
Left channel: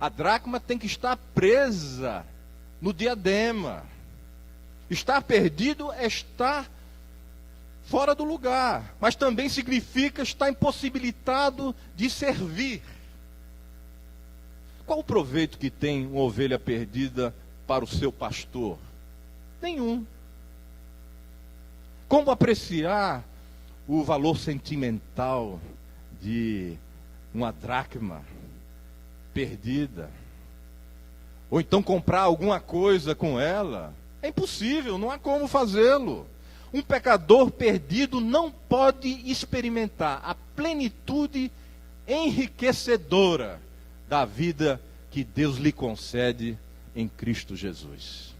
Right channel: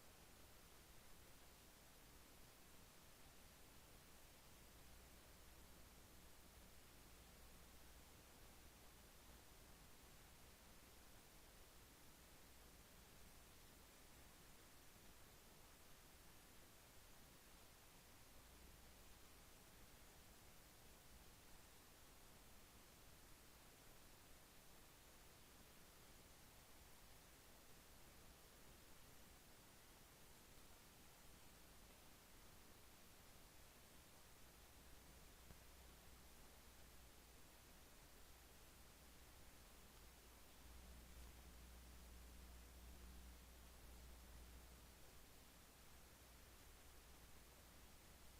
A dracma tem que estar presa no diadema. Estar perdido é estar fora do lugar, mas também significa estar impossibilitado de servir. Qual o proveito que tem uma ovelha perdida para o seu pastor? Nenhum. Como apreciar o valor sentimental de uma dracma perdida? Ou então comprar alguma coisa com ela? É impossível, não há como fazê-lo. Um pecador perdido não pode experimentar a plenitude enriquecedora da vida que Deus lhe concede em Cristo Jesus.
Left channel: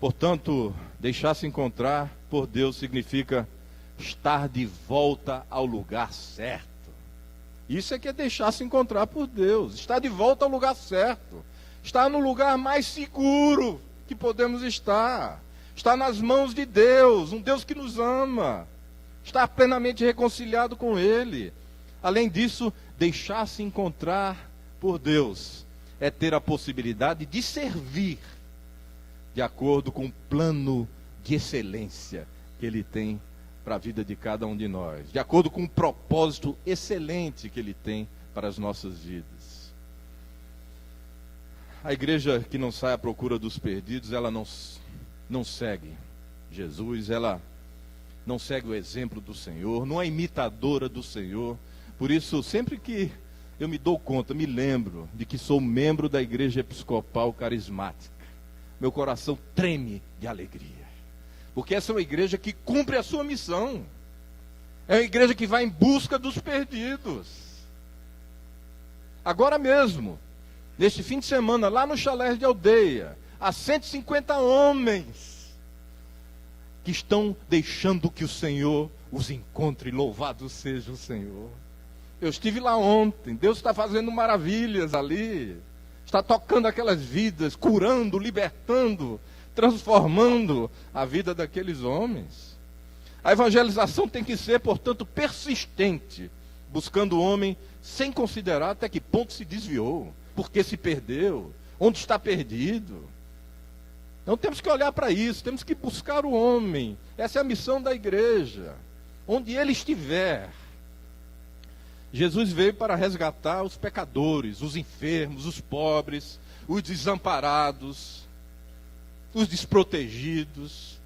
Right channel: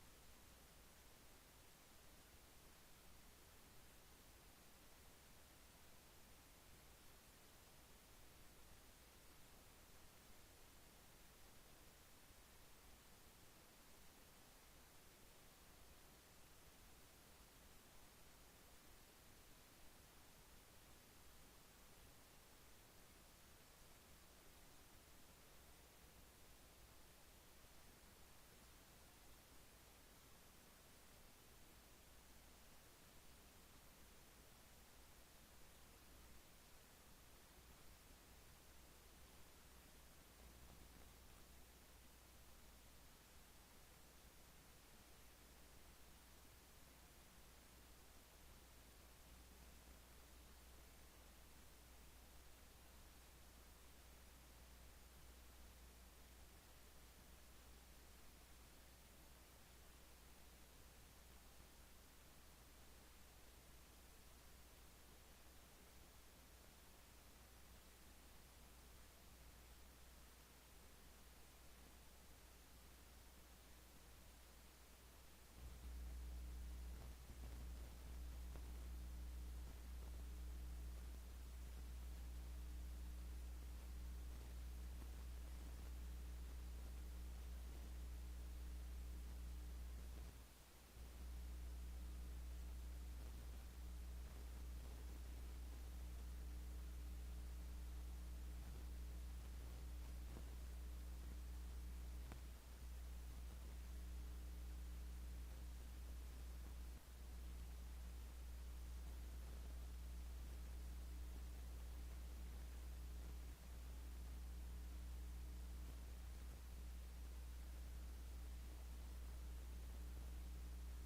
Portanto, deixar-se encontrar por Deus significa estar de volta ao lugar certo. Isso é que é deixar-se encontrar por Deus, estar de volta ao lugar certo, estar no lugar mais seguro que podemos estar nas mãos de Deus, um Deus que nos ama, estar plenamente reconciliado com Ele. Além disso, deixar-se encontrar por Deus é ter a possibilidade de servir de acordo com o plano de excelência que Ele tem para a vida de cada um de nós, de acordo com o propósito excelente que Ele tem para as nossas vidas. A igreja que não sai à procura dos perdidos, ela não segue Jesus, ela não segue o exemplo do Senhor, não é imitadora do Senhor. Por isso, sempre que eu me dou conta, me lembro de que sou membro da Igreja Episcopal Carismática. Meu coração treme de alegria. Porque essa é uma igreja que cumpre a sua missão. É uma igreja que vai em busca dos perdidos. Agora mesmo, neste fim de semana, lá no Chalé de Aldeia, há 150 homens que estão deixando que o Senhor os encontre. Louvado seja o Senhor. Eu estive lá ontem. Deus está fazendo maravilhas ali. Está tocando aquelas vidas, curando, libertando, transformando a vida daqueles homens. A evangelização tem que ser, portanto, persistente, buscando o homem sem considerar até que ponto se desviou, por que se perdeu, onde está perdido. Então temos que olhar para isso, temos que buscar o homem. Essa é a missão da igreja, onde ele estiver. Jesus veio para resgatar os pecadores, os enfermos, os pobres, os desamparados, os desprotegidos,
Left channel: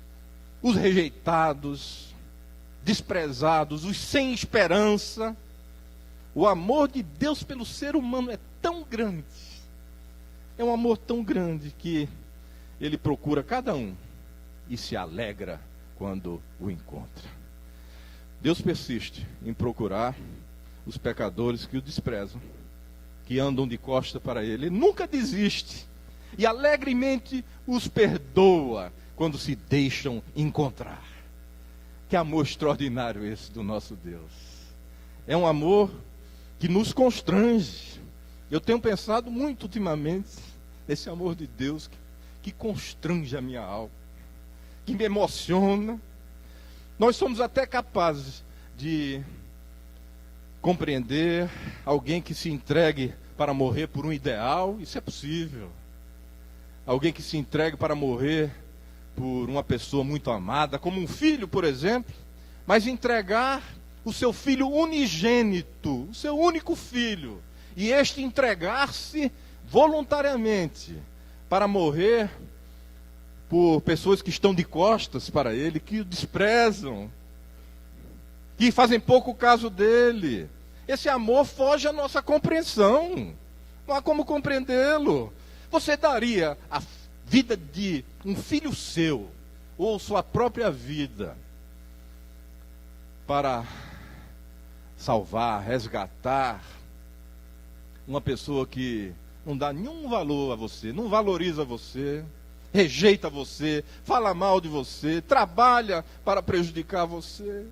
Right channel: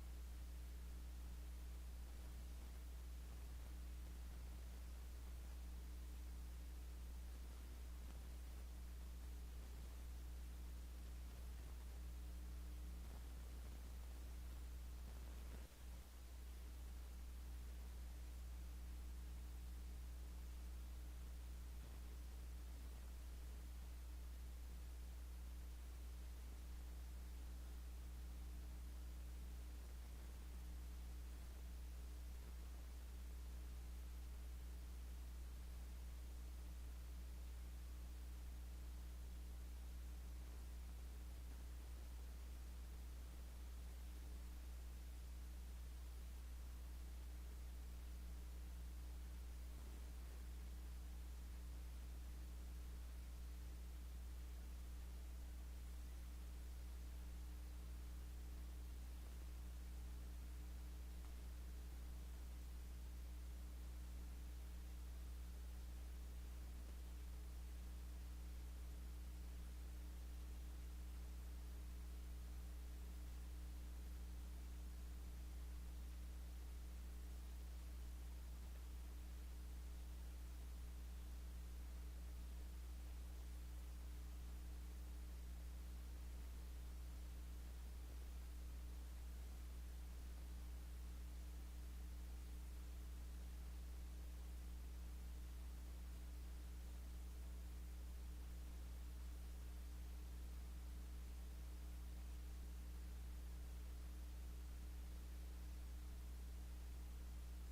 os rejeitados, desprezados, os sem esperança. O amor de Deus pelo ser humano é tão grande, é um amor tão grande que ele procura cada um e se alegra quando o encontra. Deus persiste em procurar os pecadores que o desprezam, que andam de costa para ele. Ele nunca desiste e alegremente os perdoa quando se deixam encontrar. Que amor extraordinário esse do nosso Deus. É um amor que nos constrange. Eu tenho pensado muito ultimamente nesse amor de Deus que constrange a minha alma, que me emociona. Nós somos até capazes de compreender alguém que se entregue para morrer por um ideal. Isso é possível. Alguém que se entregue para morrer por uma pessoa muito amada, como um filho, por exemplo, mas entregar o seu filho unigênito, o seu único filho, e este entregar-se voluntariamente para morrer por pessoas que estão de costas para ele, que o desprezam, que fazem pouco caso dele. Esse amor foge à nossa compreensão. Não há como compreendê-lo. Você daria a vida de um filho seu, ou sua própria vida, para salvar, resgatar uma pessoa que não dá nenhum valor a você, não valoriza você, rejeita você, fala mal de você, trabalha para prejudicar você?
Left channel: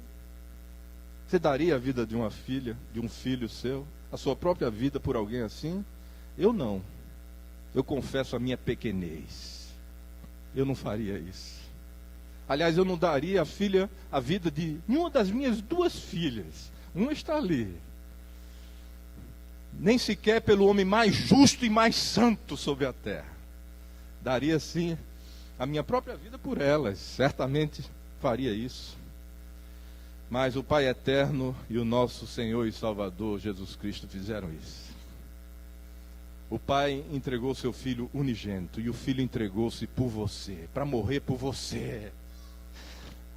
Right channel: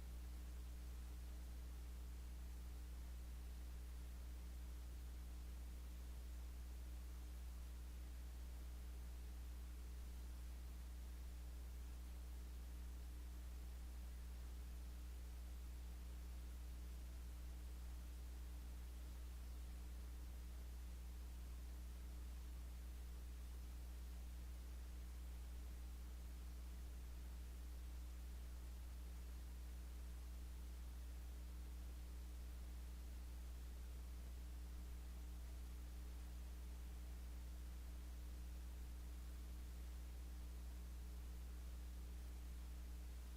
Você daria a vida de uma filha, de um filho seu, a sua própria vida por alguém assim? Eu não. Eu confesso a minha pequenez. Eu não faria isso. Aliás, eu não daria a vida de nenhuma das minhas duas filhas. Uma está ali. Nem sequer pelo homem mais justo e mais santo sobre a terra. Daria sim a minha própria vida por elas. Certamente faria isso. Mas o Pai Eterno e o nosso Senhor e Salvador Jesus Cristo fizeram isso. O Pai entregou seu Filho unigênito e o Filho entregou-se por você, para morrer por você.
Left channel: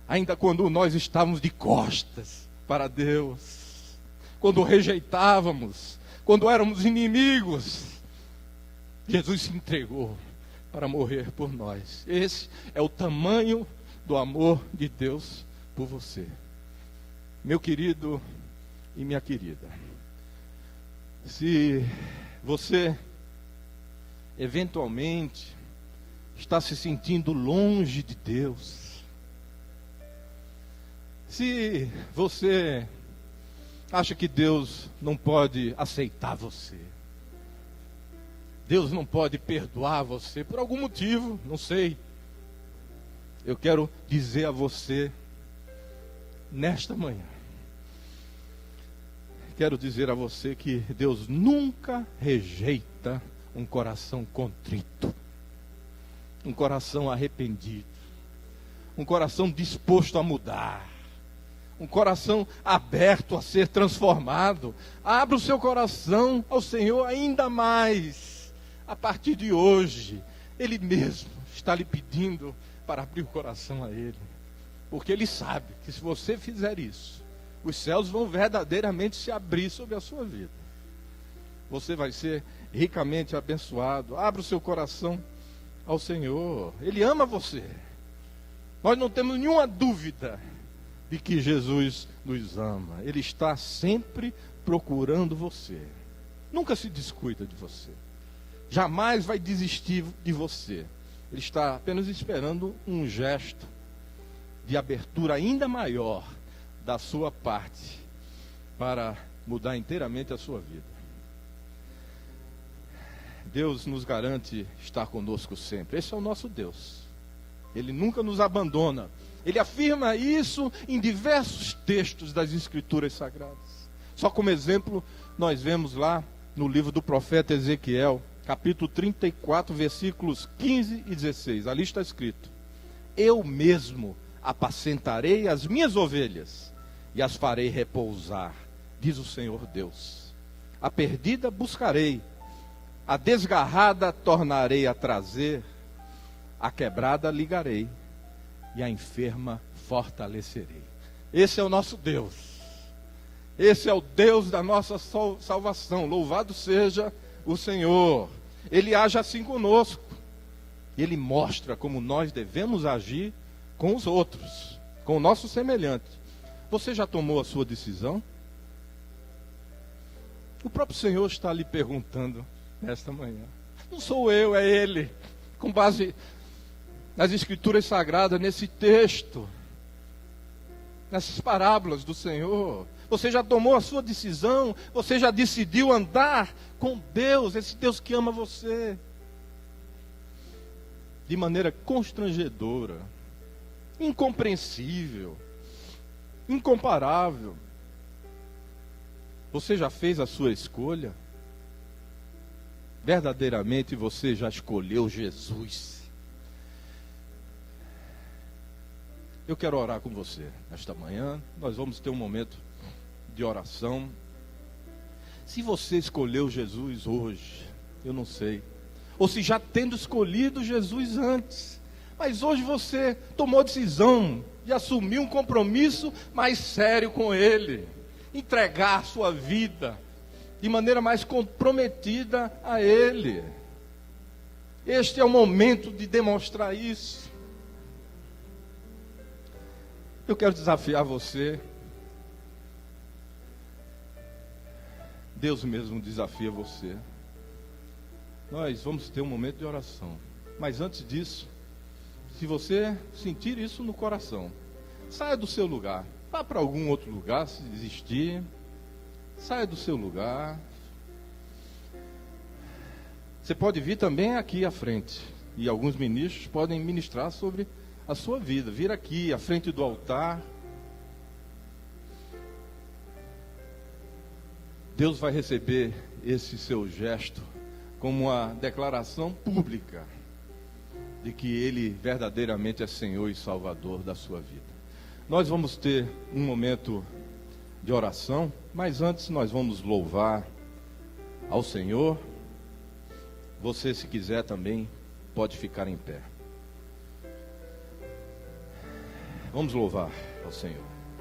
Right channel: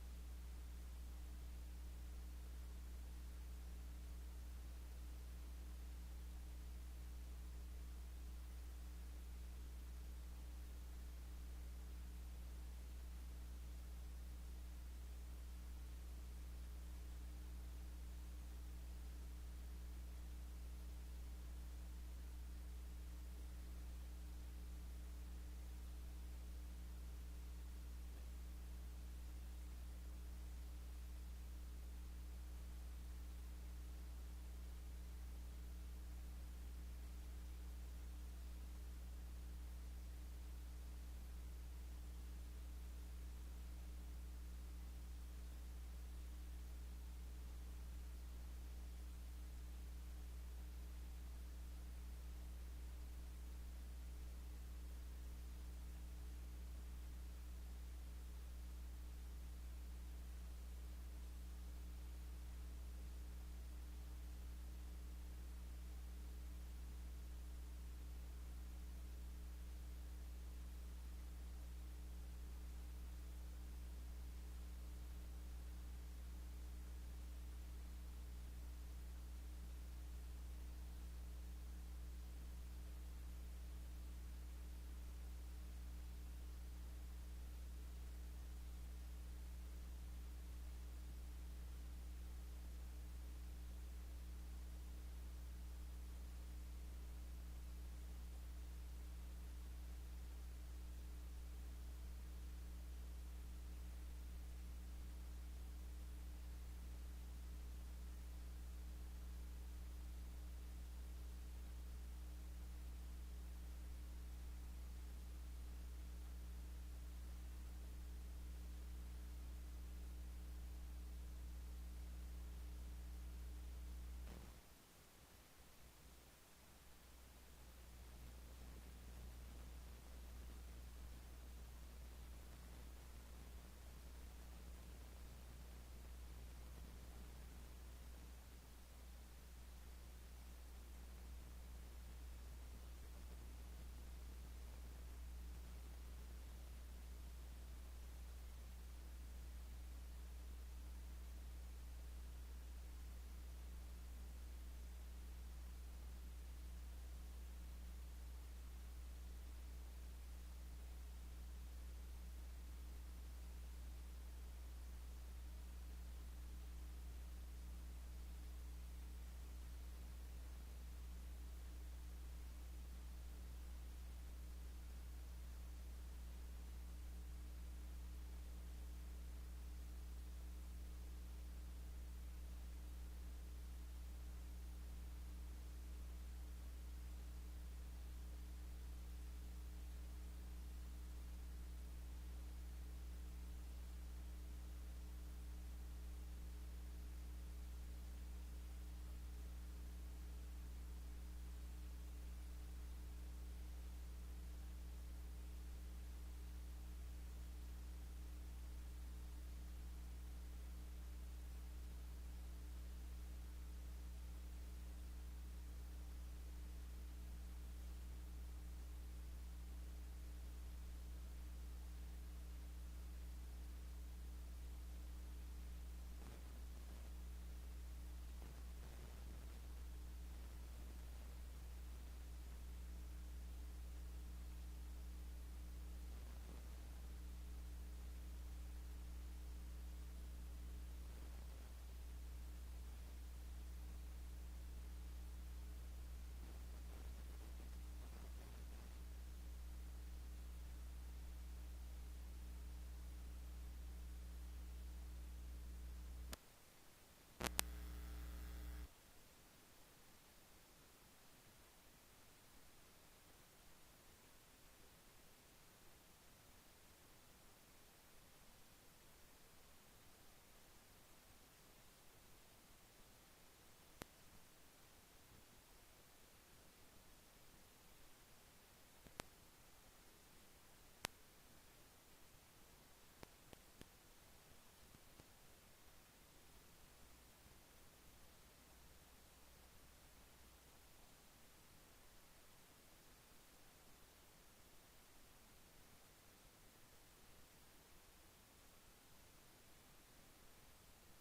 Ainda quando nós estávamos de costas para Deus, quando o rejeitávamos, quando éramos inimigos, Jesus se entregou para morrer por nós. Esse é o tamanho do amor de Deus por você. Meu querido e minha querida, se você eventualmente está se sentindo longe de Deus, se você acha que Deus não pode aceitar você, Deus não pode perdoar você por algum motivo, não sei, eu quero dizer a você nesta manhã, quero dizer a você que Deus nunca rejeita um coração contrito, um coração arrependido, um coração disposto a mudar, um coração aberto a ser transformado. Abra o seu coração ao Senhor ainda mais. A partir de hoje, Ele mesmo está lhe pedindo para abrir o coração a Ele, porque Ele sabe que se você fizer isso, os céus vão verdadeiramente se abrir sobre a sua vida. você vai ser ricamente abençoado. Abra o seu coração ao Senhor. Ele ama você. Nós não temos nenhuma dúvida de que Jesus nos ama. Ele está sempre procurando você. Nunca se descuida de você. Jamais vai desistir de você. Ele está apenas esperando um gesto de abertura ainda maior da sua parte para mudar inteiramente a sua vida. Deus nos garante estar conosco sempre. Esse é o nosso Deus. Ele nunca nos abandona. Ele afirma isso em diversos textos das Escrituras Sagradas. Só como exemplo, nós vemos lá no livro do profeta Ezequiel, capítulo 34, versículos 15 e 16. Ali está escrito: eu mesmo apacentarei as minhas ovelhas e as farei repousar, diz o Senhor Deus. A perdida buscarei, a desgarrada tornarei a trazer, a quebrada ligarei e a enferma fortalecerei. Esse é o nosso Deus. Esse é o Deus da nossa salvação. Louvado seja o Senhor. Ele age assim conosco. Ele mostra como nós devemos agir com os outros, com o nosso semelhante. Você já tomou a sua decisão? O próprio Senhor está lhe perguntando nesta manhã. Não sou eu, é Ele. Com base nas Escrituras Sagradas, nesse texto, nessas parábolas do Senhor. Você já tomou a sua decisão? Você já decidiu andar com Deus, esse Deus que ama você? De maneira constrangedora, incompreensível, incomparável. Você já fez a sua escolha? Verdadeiramente você já escolheu Jesus? Eu quero orar com você esta manhã. Nós vamos ter um momento de oração. Se você escolheu Jesus hoje, eu não sei. Ou se já tendo escolhido Jesus antes, mas hoje você tomou a decisão de assumir um compromisso mais sério com Ele, entregar sua vida de maneira mais comprometida a Ele. Este é o momento de demonstrar isso. Eu quero desafiar você. Deus mesmo desafia você. Nós vamos ter um momento de oração. Mas antes disso, se você sentir isso no coração, saia do seu lugar. Vá para algum outro lugar, se desistir. Saia do seu lugar. Você pode vir também aqui à frente. E alguns ministros podem ministrar sobre a sua vida. Vir aqui à frente do altar. Deus vai receber esse seu gesto como uma declaração pública de que Ele verdadeiramente é Senhor e Salvador da sua vida. Nós vamos ter um momento de oração, mas antes nós vamos louvar ao Senhor. Você, se quiser também, pode ficar em pé. Vamos louvar ao Senhor.